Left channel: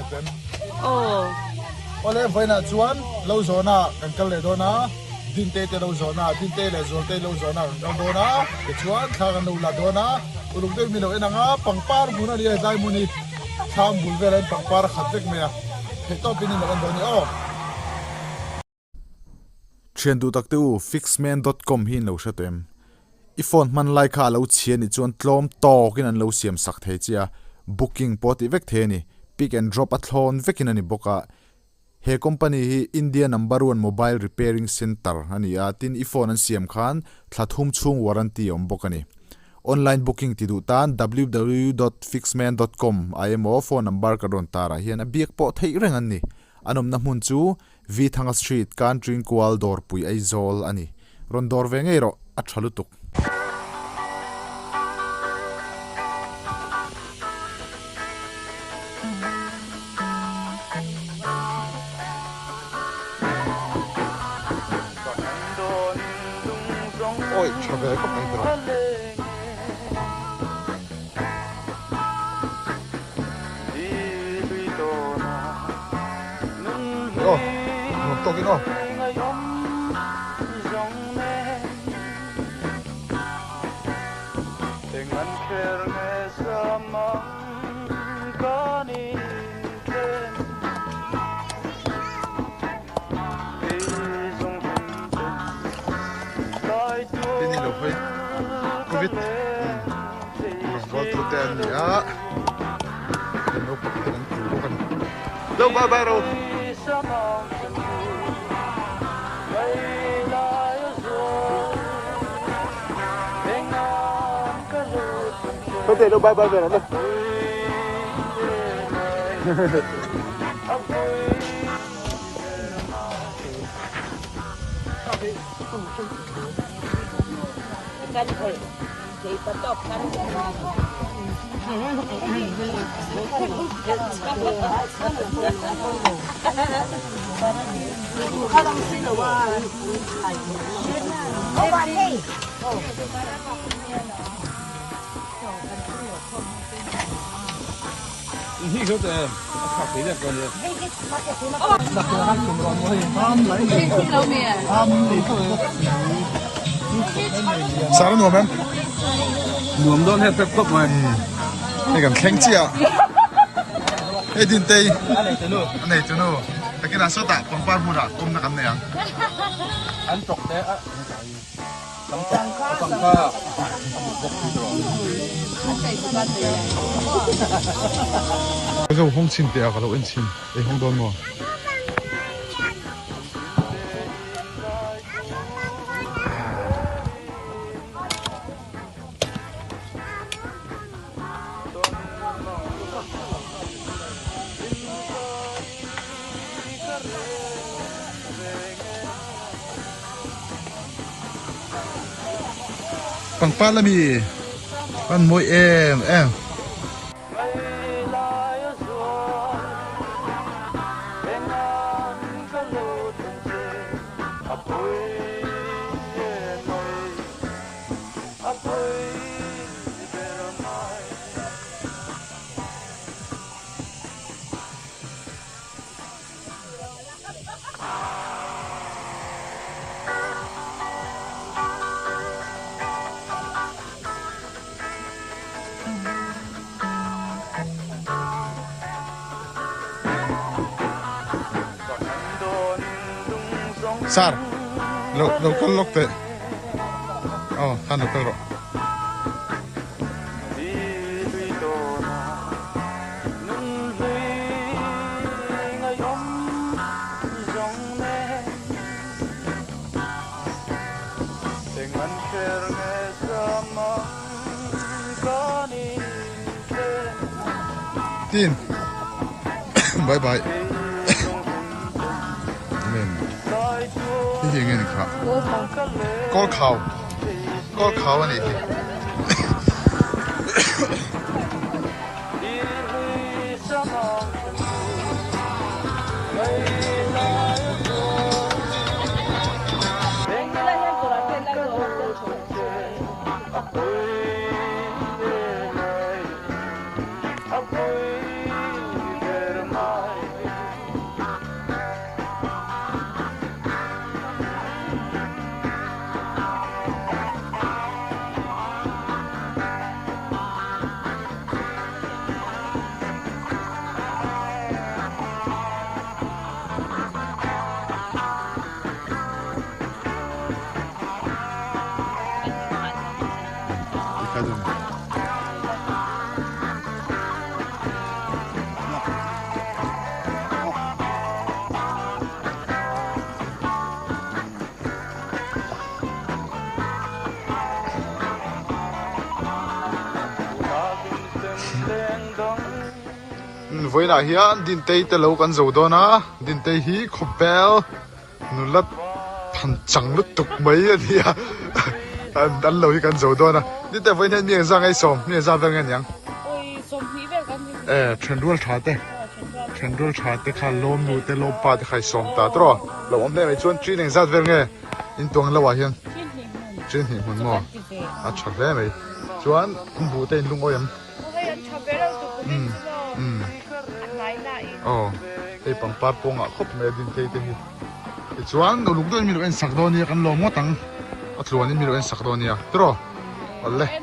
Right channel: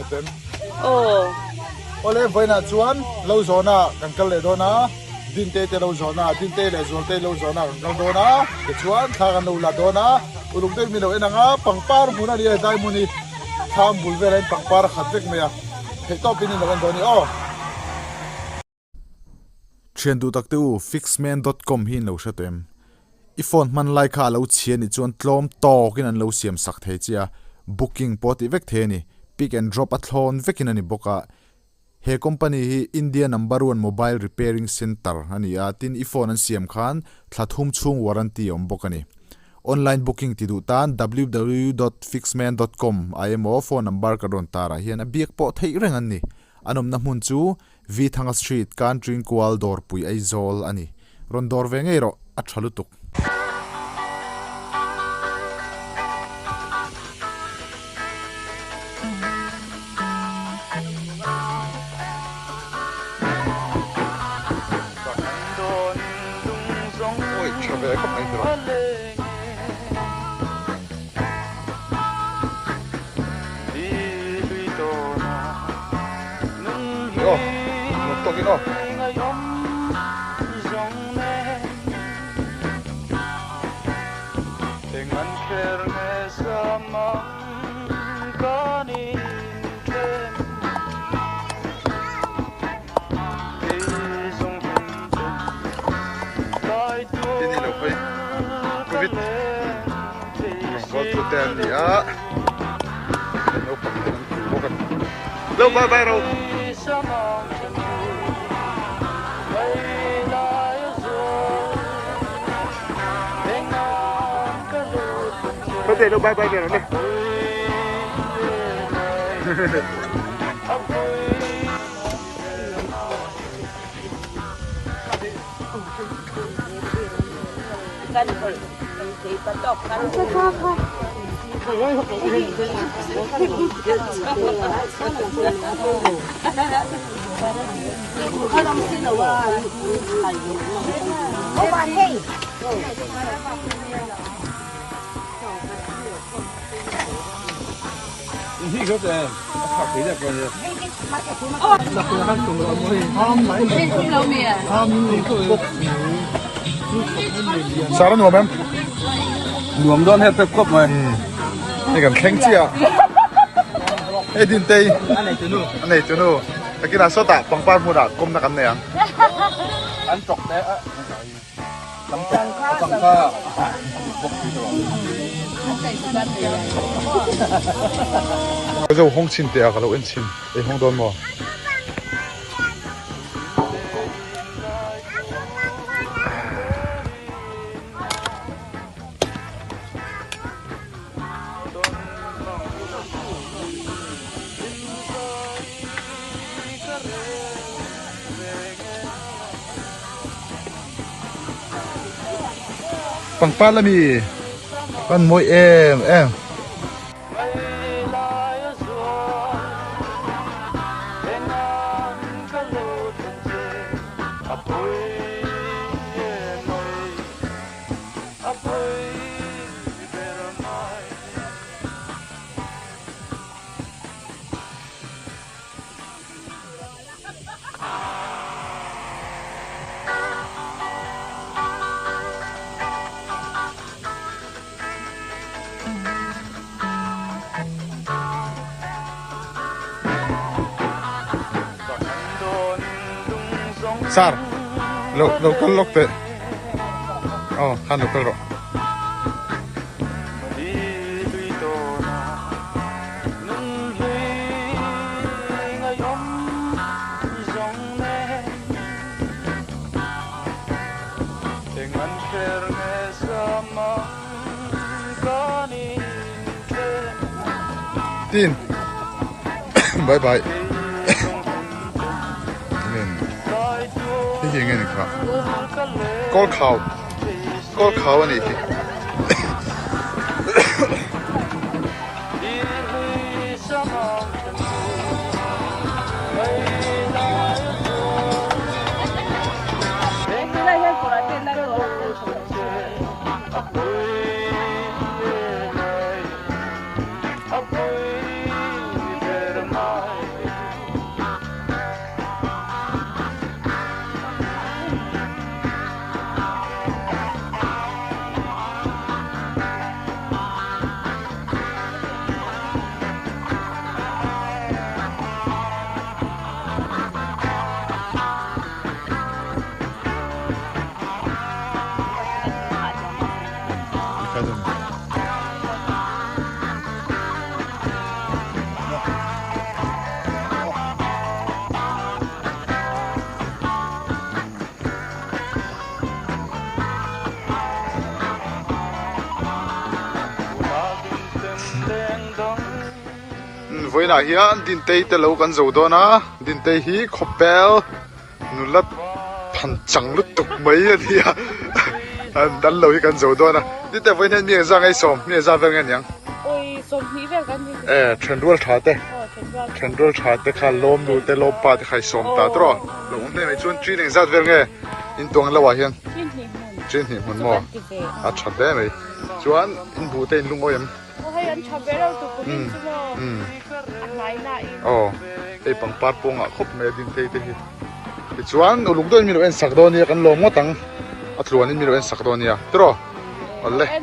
Eten. Oh. Ole vai na chuan lo zona kan kal le do na din te lo zona din te le zol te lo zona kan kal do na ke chuan tha kan lo la do na ulung te mi lo enanga pangpar muna ni dai muni tham bul ve ren pangpar khatek me ya he to pin lo kan do ni o Thiandu takte u fixman.com hin lo shatem iphone man lai kha lo chian ni chuan tlom to kin an lo siam sak thei chia booking poti vek the ni pick and drop a thlon vekin ani boka he company hi India number 1 mobile repairing center ani tin iphone an siam khan thlathum chung warranty om bokani online booking ti du tan www.fixman.com imo phone number ka don tara hian a biak po thei reng an ni anom na mun chu vi thanga street country kwal dor pui aizol ani ron dor ve ngei ro a thalutuk oi khabe ko mai dro Oh, no toque no. Ini lo pai. Covid. Go to ten ya. No problem. Lo bye bye ro. Có thể đâu bay bay về nó đi. Kan kol. Kay patok kan. Oh, bạn hey. Sao nó em? Nuông đón hết tất cốc rồi. Này cần khen chi à? Ê din tây. Anh này chú nu. Cái nào số tạ bằng ban mua đã công na cái này à? Ăn chọc đấy. Cái dầu hong chín tệ à? Cái dầu ăn chín. Ê hong đón mò. Bằng pa là mi con môi em Sar, local lokte. Oh, kan local ro. Tin. Bye bye.ที่ยังไงนะครับก้อนเขาอันนี้ với là hiền din tây tê lâu căn dầu đó na din tây hi khopel nu lát pan chẳng lút tục mấy thì đánh lâu hi căn dầu đó na din tây với nên miệng ra ngay sòng miệng ra về ngay nhang ôi sôm phí về cái gì trend đuôi chả tê trend đuôi chả tê khai lom nu tê lom pa tê khai sòng ta đó lâu hôm nay mấy chuyện chuyện này ra về ngay in tuang lâu à hiền chuyện gì muốn mua à chặt đấy mấy chuyện in bù tê in lung oi em hay anh chặt về đâu tụi cũng chứ mà lại lại tây bằng par pong à khop mẹ din tây tây hi chuan no lung don mi lo en sak do ni kan lo mo tang a tluan in mi lo en sak do ni a tro alle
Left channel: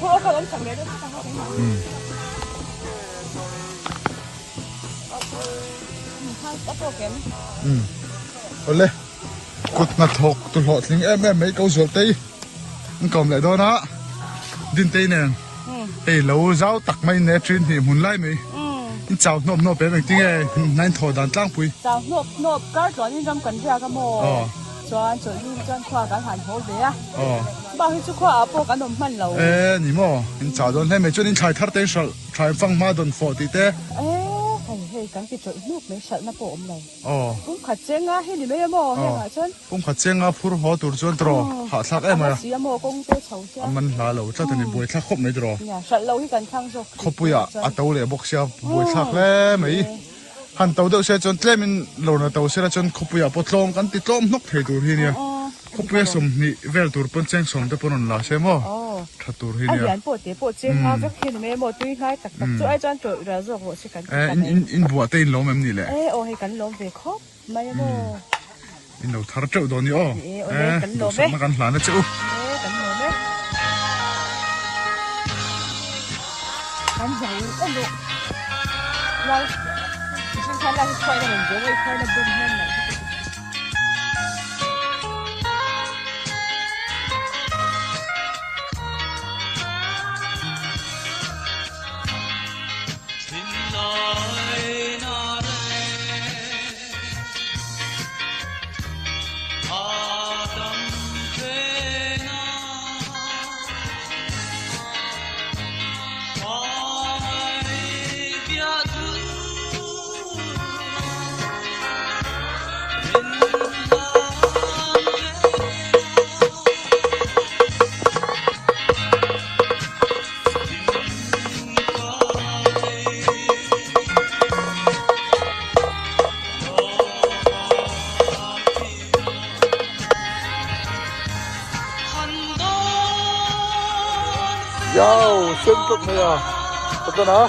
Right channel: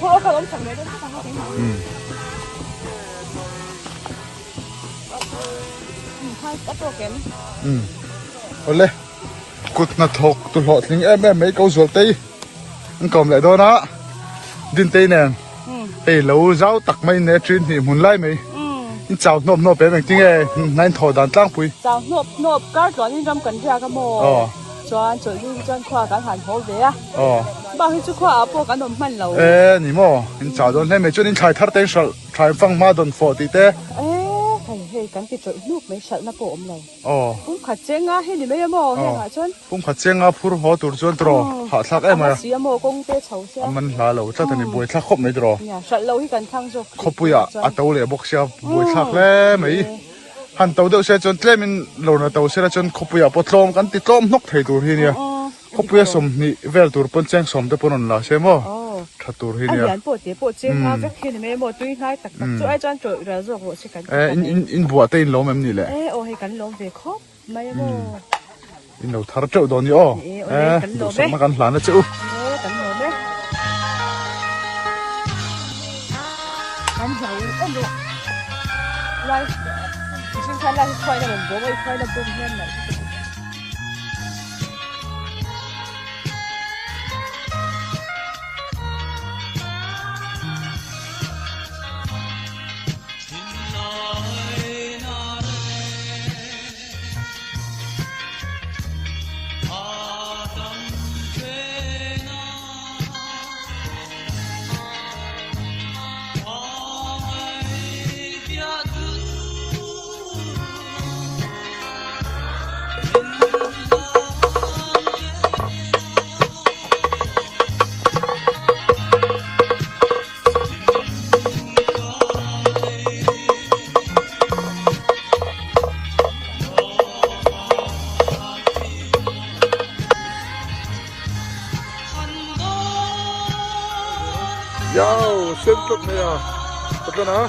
thôi cái ông chặt về đâu hai cái tổ kém alle cút na thok tu lo thling em mấy câu rồi tây anh cầm lại đó đó din tây nè ê lâu rau tắc mấy nè chuyên thì muốn lại mấy chào nộp bé mình tiếng nghe nên thổi đàn tăng bùi chào nộp cái chuyện như trong cần ra cái mồ chuyện chuyện như trong khoa cái hành hổ về à bao nhiêu khoa bố cái nộp mạnh lâu ê nỉ mò anh chào đón thêm mấy chuyện anh chạy thắt tên sợ chạy phăng ma đồn phổ tí té hay cái chuyện lúc mấy sợ nó bộ này cũng khát chén á hay gì mấy mồ hay hả chân cũng khát chén á phur họ tụt chân trò họ thắc em à xí mồ công tê chầu xe mình là lâu chắc thằng này bùi thắc khóc mấy trò sợ lâu thì cần thăng rồi khóc bùi à tàu lệ bốc xe bùi thắc lẽ mấy hàn tàu đậu xe chân tlê mình lâu là tàu xe là chân khóc bùi à bớt lom cái tít lom nóc thấy tụt hi nè khóc bùi sum nị vel tụt pon chén sum tê pon là xe mò thật tụt hi nè anh bộ chén ha cái khi này mồ tuy ngay tắc tắc chỗ ai chân trời ra rồi bộ sẽ cần in bùa tê in lom em nị lệ hay cần lom về khóc mấy mồ in lâu thar trâu đó nị mà cần làm nó chịu cần lom đấy看那是开的很多，我开的不一样。Yo, xin chúc mày à, chúc nó.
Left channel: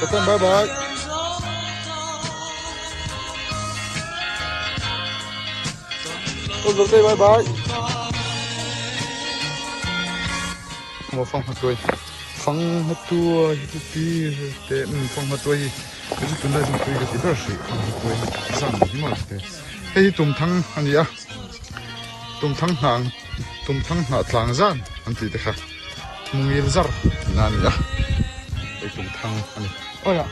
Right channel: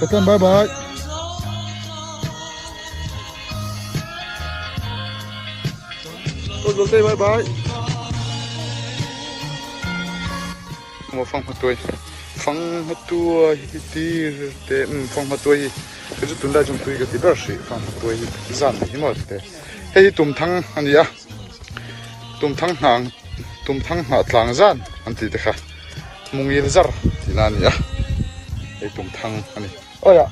Chúc bye bye. Cô rồi bye bye. Một phong hạt tuổi thì để phong hạt tuổi cái chút tuần đây chúng tôi cái gì đó sẽ phong hạt tuổi giảm thì mà thế cái tôm thang anh gì à tôm thang hàng gian anh chị thấy mùng yên zar là gì à cái tôm thang anh ôi à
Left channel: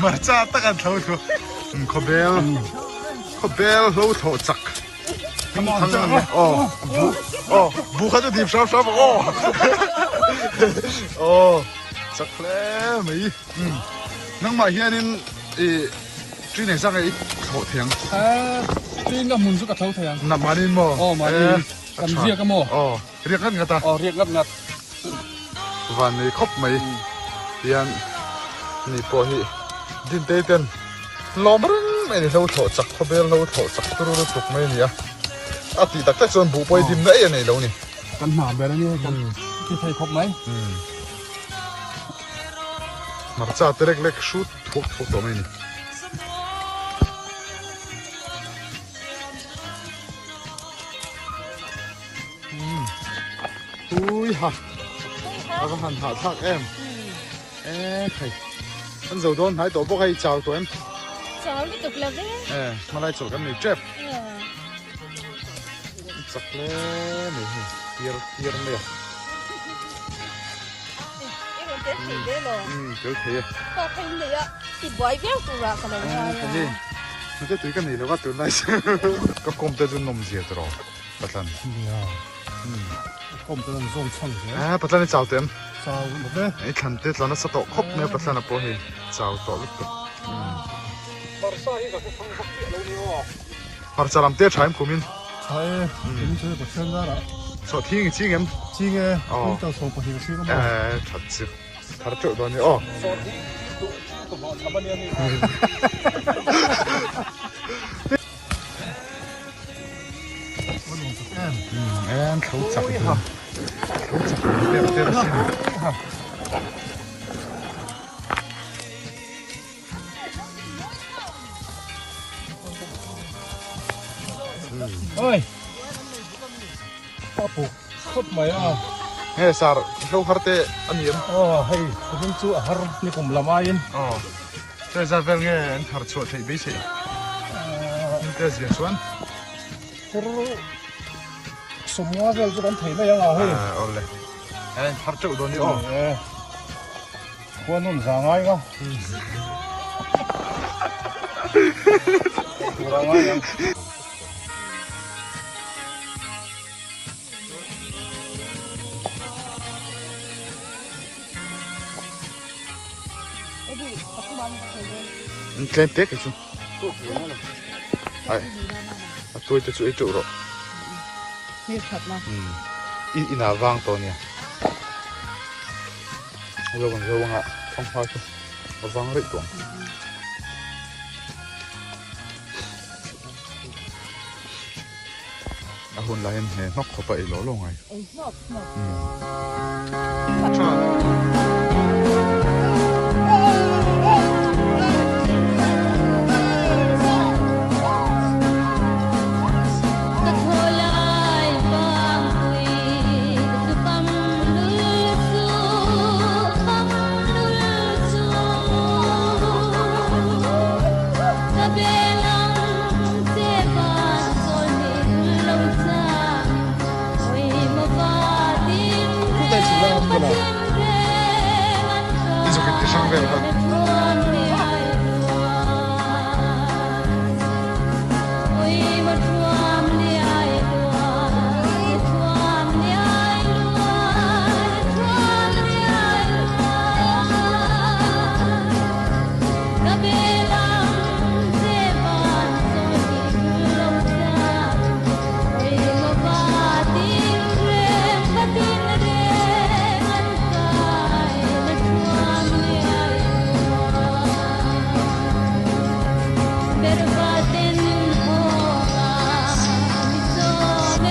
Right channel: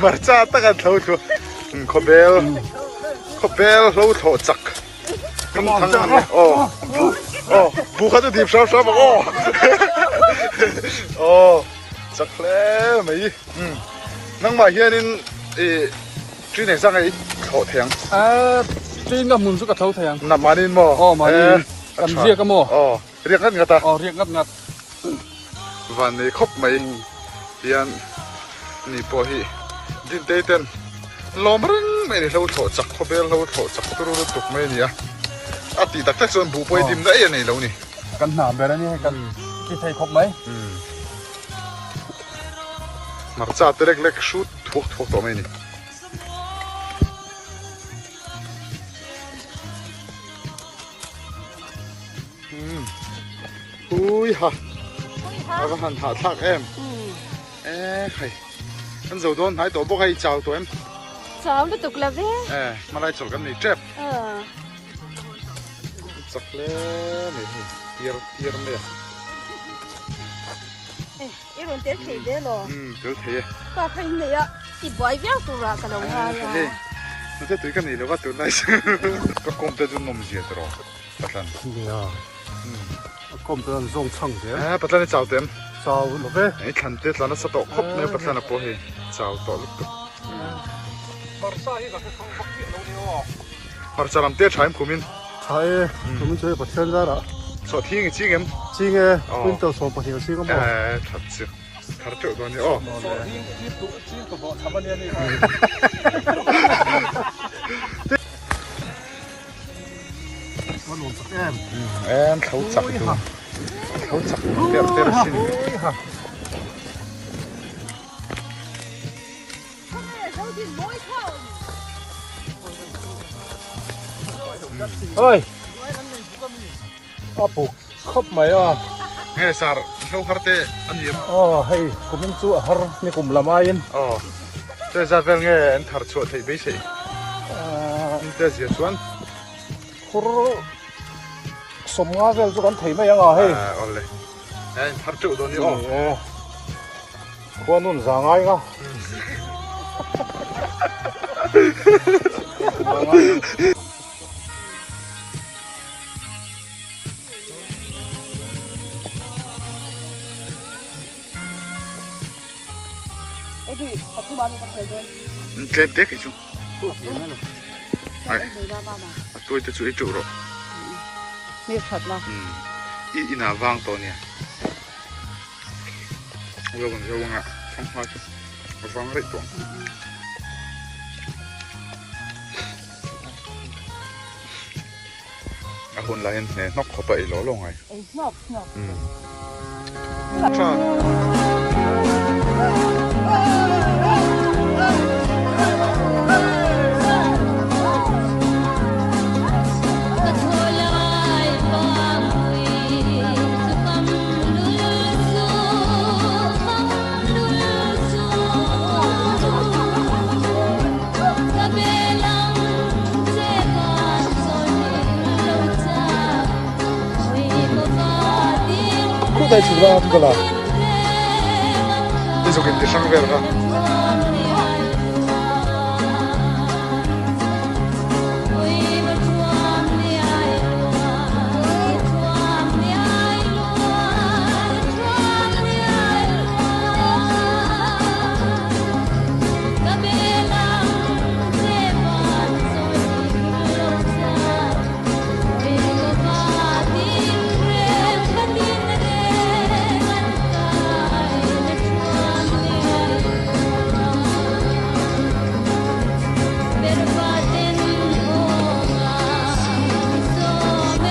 marcha tất cả thâu thu khobel lâu thâu chắc come on buka tuh di shop tak le mấy nang mà hiện in chuyên này sang ấy thổ thiang tin là muốn giúp cả thâu thiang nằm mà nên mò mà cầm riêng cái mò riêng ngắt ngắt ta riêng ngắt và này khóc mấy tiền này bỏ hi din tây tên lo bắn mấy này lâu thổ chắc có biết lâu thổ chắc tôi rồi tục mấy này à thì tất son bù bơi tìm đấy này đâu nè cần nằm về đó nha cần khi thầy khóc mấy mà cha tê lek shoot thuốc đó mấy nè ui ha cái hành hạ thác em hay anh dầu đôn hãy tổ bốc hay chào tụi em chào tiếp tục là thế mà lại chọn cái này chép chắc lẽ này tiệt mẹ cái con té thấy đấy rồi tiểu thế ta thấy này á chỉ bói béo tụi ra cái đầu ha nó sẽ tùy cái này nó bắt tụi này có công ty chúng nó mình giết rồi bắt lần công ty dùng chăng thế bắt lần chào tem sao nó vềไอ้คันเต็ดแล้วนะสต๊อกครบเนี่ยปัตตานีพอเฮเจ้าต่อลุกตุมาจารย์เตี้ยใช้ผมมิน ใช่ผมไม่ช่วยประเทศได้ละ สอดทิ้งจริงเอ็ม จริงไงคุณตัวสอบประเทศซิก็มา ถัดสิถัดเถอะตอนนี้อ๋อ ก็บอกทำอะไรนี่ มันหลงสักแอม เขาสับอยู่เขาสับเต็มเต็มเฮ้ยป้าปลูกครบไหมอ่ะ เฮ้ยสาร์เขาฮาร์เตอันนี้ อ๋อเฮ้ยกูมันจู่ฮาร์นี่กูละไม้ยัน อ๋อเจ้าจะเป็นไงถัดชัวร์ที่ไม่ใช่เจ้าเสียชวน คุณสมงาเวลจะกันถีไม่ยังอ่ะเฮ้ย อ๋อเลยถัดจุดตอนนี้อ๋อ ควรนุ่นสางไงก็ไอ้ที่ปัจจุบันมันเคยโดน เต็มเป๊กอีกชุ ไอ้ดูได้บ้างนะ ตัวจะช่วยจุดหรอ นี่ถัดมา อีน่าวางตัวเนี่ยเราบังจะวางอ่ะท้องฟ้าชุบวางอะไรตัวคนไล่เนี่ยนกเข้าไปหล่อลงไง ไอ้หมอกหมอก ใช่ 在吃了不了？你就给你上边了。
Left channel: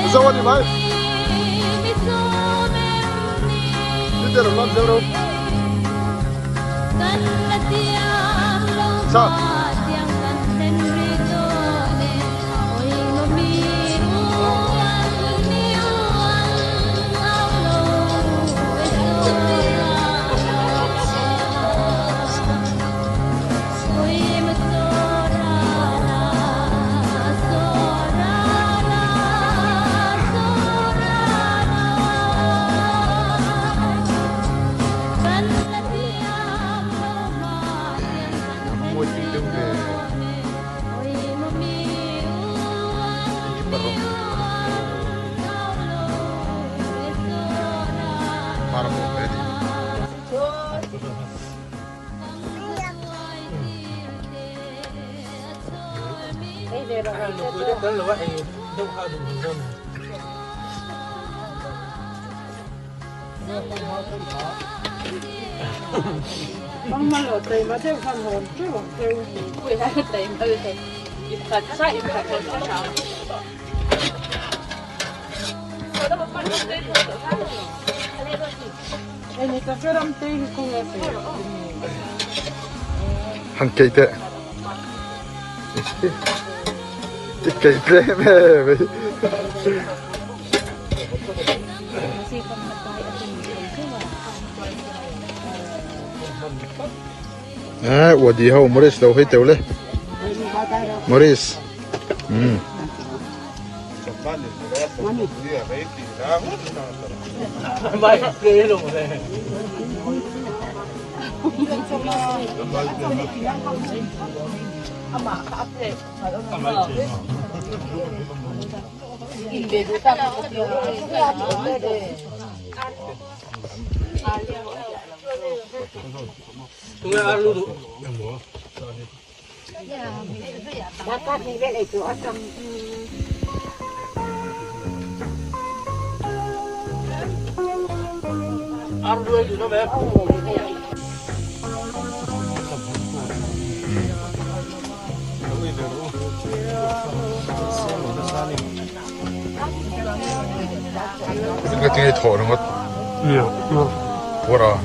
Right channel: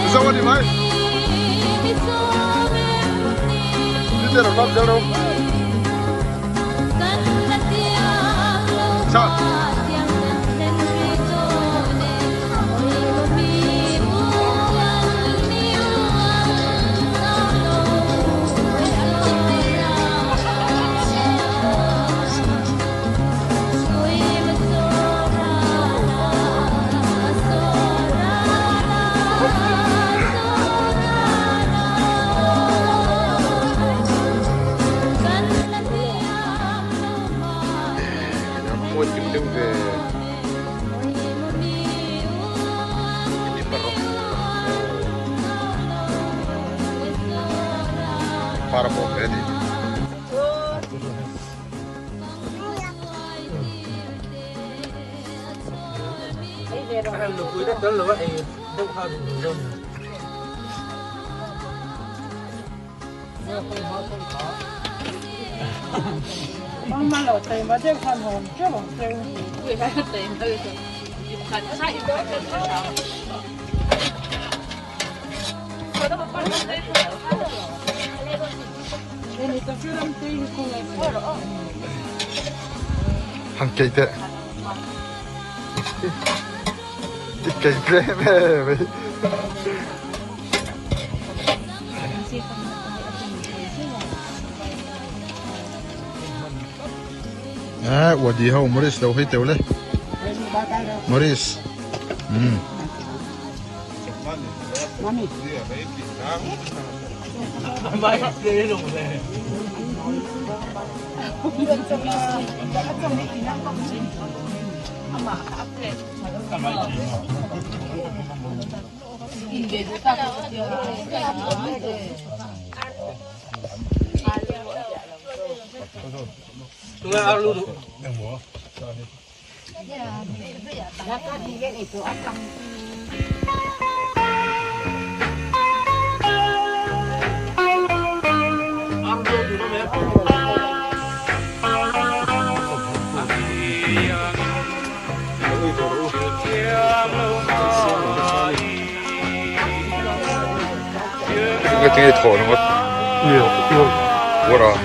你找我的买，你在哪拿着喽？上。Para mover ali. Nó lỡ tìm ở trên phần hồn chứ không kêu gì. Vì phải tìm từ từ. Thật sai thật ini kecuali tinggi Han kite. Kite me. Ủa đi hậu Morris đâu hết tiêu lên. Morris. cái tiếng thổ nó có quá rồi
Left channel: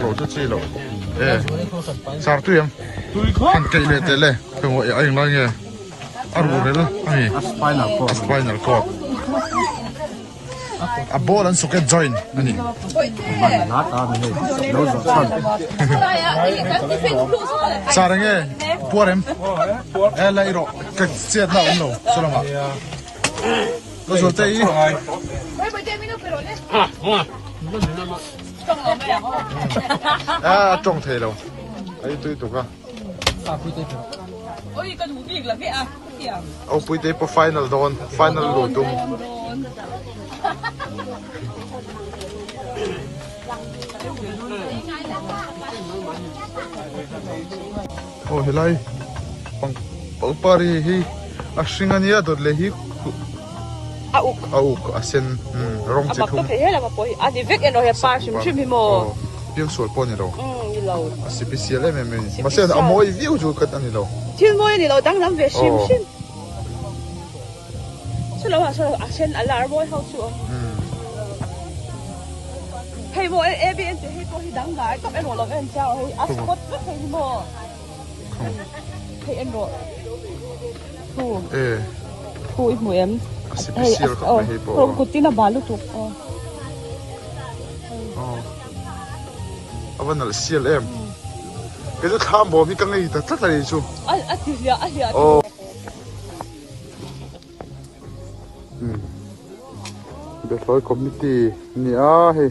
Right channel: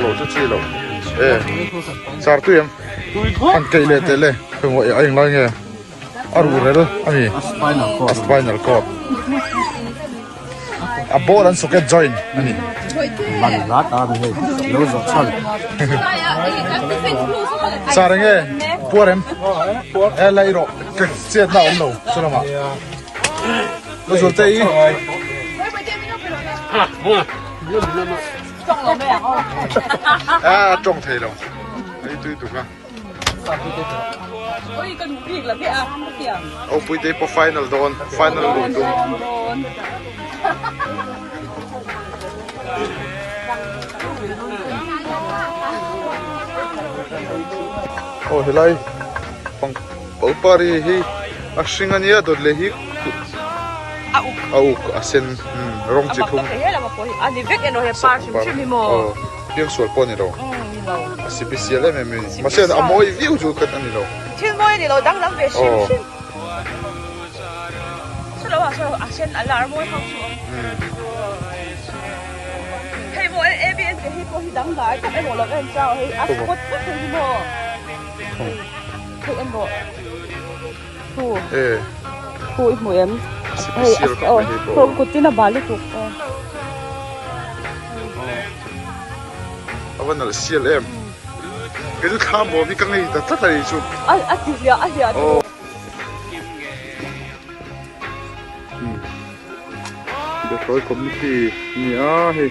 lẩu chút chi lẩu sao tuyêm ăn cây lệ tê lệ không gọi anh nói nghe ăn rồi đó anh spinal cord a ball and socket joint anh sao đấy nghe bua em lại rồi cái chết nào ông lẩu sao mà nó rồi tay trông thế đâu ấy tôi tụi con ôi con ngủ việc là thế à kìa ông bây giờ final don final lụt tung oh helai pang pari hi a singania dot le hi au asen rong chi thum ani vek eno he pa shim shim mo oh piang sual pon ni lo special em mà xem là mỗi view chú cần ăn gì đâu thiên mỗi ni lo dang dang ve shim shim sao lo sao asen alarm mỗi không xuống thầy mỗi em em thì hết có dang cái cái một lần sao hết có thầy mo thầy em bộ tu tu mỗi em special các mày hết bộ cô tin là bà lúc vẫn là special em cái thứ khác bộ mi căng này tất là chú oh để thôi committee nia hay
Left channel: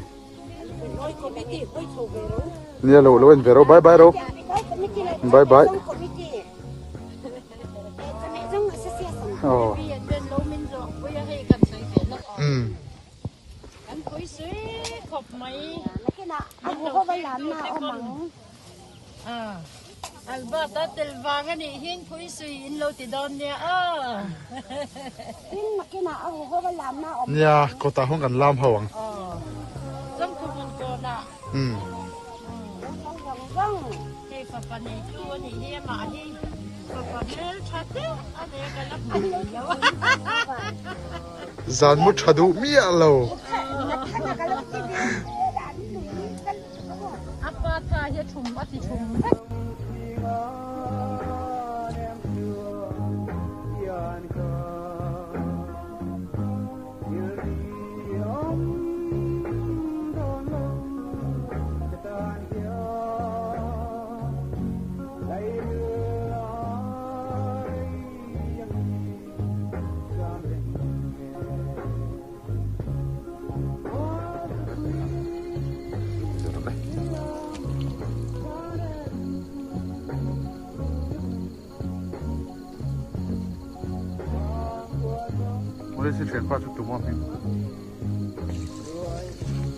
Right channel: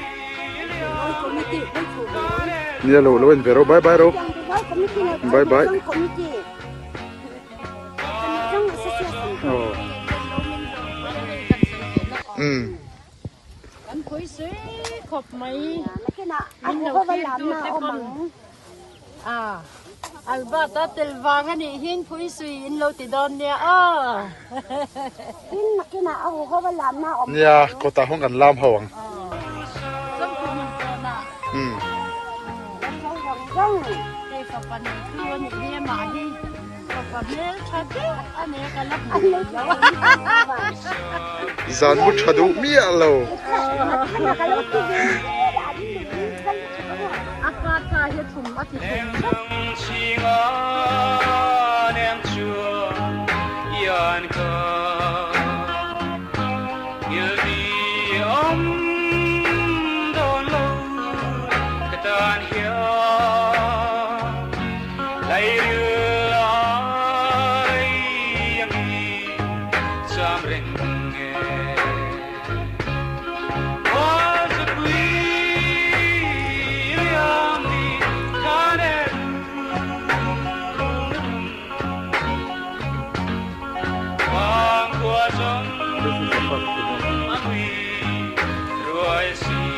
nia lâu lâu anh về đâu bye bye đâu bye bye oh anh khối xế khop mấy anh đầu tiên tu tế con Alberta tel vàng anh ấy hiến khối xế in lâu thì đón nha nia cô ta không cần làm hỏng giống của mình còn ạ đây có phần tu anh ấy nghe mà đi có phần mel chặt anh ấy cái lắp bụi lâu Zan mút chadu mía lâu. Samring This is the perfect one. Rồi xin,